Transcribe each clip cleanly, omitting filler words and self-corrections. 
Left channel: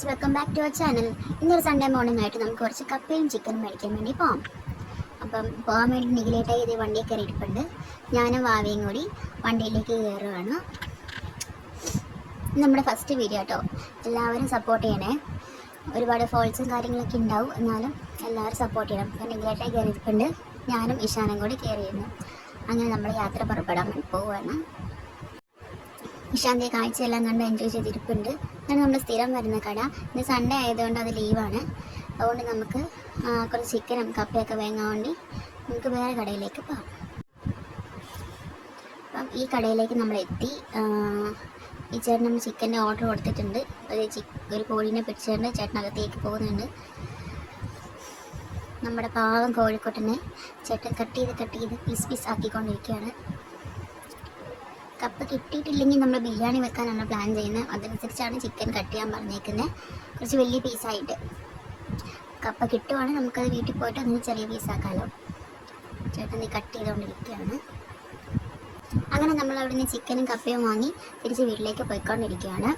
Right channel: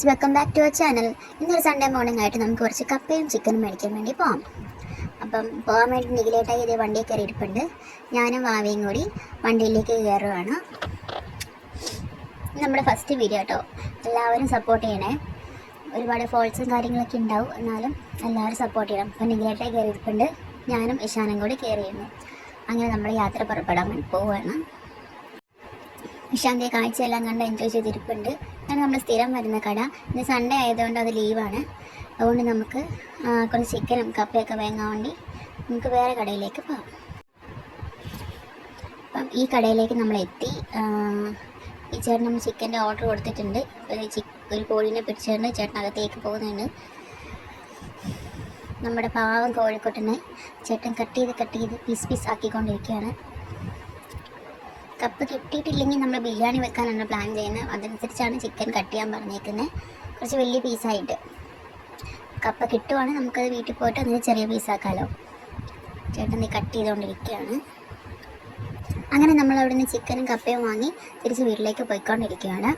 Guys, welcome back to our channel. ഇന്നൊരു Sunday morning ആയിട്ട് നമുക്ക് കുറച്ച് കപ്പയും ചിക്കനും മേടിക്കാൻ വേണ്ടി പോകാം. അപ്പം പോകാൻ വേണ്ടി നിഖിലേട്ടായി ഇതേ വണ്ടിയിൽ കയറിയിട്ടുണ്ട്. ഞാനും വാവിയും കൂടി വണ്ടിയിലേക്ക് കയറുകയാണ്. നമ്മുടെ ഫസ്റ്റ് വീഡിയോ കേട്ടോ, എല്ലാവരും സപ്പോർട്ട് ചെയ്യണേ. ഒരുപാട് ഫോൾസും കാര്യങ്ങളൊക്കെ ഉണ്ടാവും, എന്നാലും എല്ലാവരും സപ്പോർട്ട് ചെയ്യണം. അപ്പം നിഖിലേട്ടായി കയറിയിട്ടുണ്ട്, ഞാനും ഇഷാനും കൂടി കയറിയിരുന്നു. അങ്ങനെ നമ്മൾ യാത്ര പുറപ്പെടാൻ വേണ്ടി പോവുകയാണ്. ഇഷാൻ്റെ കാഴ്ചയെല്ലാം കണ്ട് എൻജോയ് ചെയ്തിരിപ്പുണ്ട്. അങ്ങനെ നമ്മൾ സ്ഥിരം വരുന്ന കട. ഇന്ന് സൺഡേ ആയതുകൊണ്ട് അത് ലീവാണ്. അതുകൊണ്ട് നമുക്ക് കുറച്ച് ചിക്കനും കപ്പയൊക്കെ വാങ്ങാൻ വേണ്ടി നമുക്ക് വേറെ കടയിലേക്ക് പോകാം. അപ്പം ഈ കടയിലേക്ക് നമ്മൾ എത്തി. ഈ ചേട്ടൻ നമ്മൾ ചിക്കൻ്റെ ഓർഡർ കൊടുത്തിട്ടുണ്ട്. ഒരു കോഴീനെ പിടിച്ചുകൊണ്ട് ചേട്ടനകത്തേക്ക് പോകുന്നുണ്ട്. നമ്മുടെ പാവം കോഴിക്കോട്ടനെ ചേട്ടൻ കട്ട് ചെയ്ത് പീസ് ആക്കിക്കൊണ്ടിരിക്കുകയാണ്. കപ്പ് കിട്ടിയിട്ടില്ലെങ്കിൽ നമ്മൾ ബിരിയാണി വെക്കാനാണ് പ്ലാൻ ചെയ്യുന്നത്. അതനുസരിച്ചാണ് ചിക്കൻ കട്ട് ചെയ്യാൻ പറഞ്ഞേക്കുന്നത്, കുറച്ച് വലിയ പീസായിട്ട്. കപ്പ കിട്ടുവാണെങ്കിൽ നമുക്കത് വീട്ടിൽ പോയിട്ട് അതിന് ചെറിയ പീസാക്കാമല്ലോ. ചേട്ടൻ നീ കട്ട് ചെയ്തുകൊണ്ടിരിക്കുകയാണ്. അങ്ങനെ നമ്മൾ അവിടെ നിന്ന് ചിക്കനും കപ്പയും വാങ്ങി തിരിച്ച് വീട്ടിലേക്ക് പോയിക്കൊണ്ടിരിക്കുകയാണ്.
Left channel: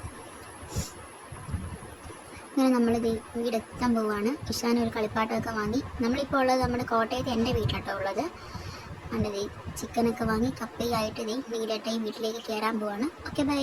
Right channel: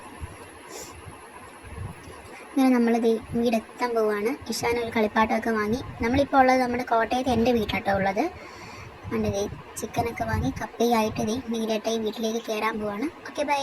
അങ്ങനെ നമ്മളിത് വീടെത്താൻ പോവുകയാണ്. ഇഷാൻ ഒരു കളിപ്പാട്ടമൊക്കെ വാങ്ങി. നമ്മളിപ്പോൾ ഉള്ളത് നമ്മുടെ കോട്ടയത്ത് എൻ്റെ വീട്ടാട്ടോ ഉള്ളത്. അതിൻ്റെ ചിക്കനൊക്കെ വാങ്ങി കപ്പയായിട്ട് നിഖിലേട്ടായി വീട്ടിലേക്ക് കയറാൻ പോവാണ്. Okay, by.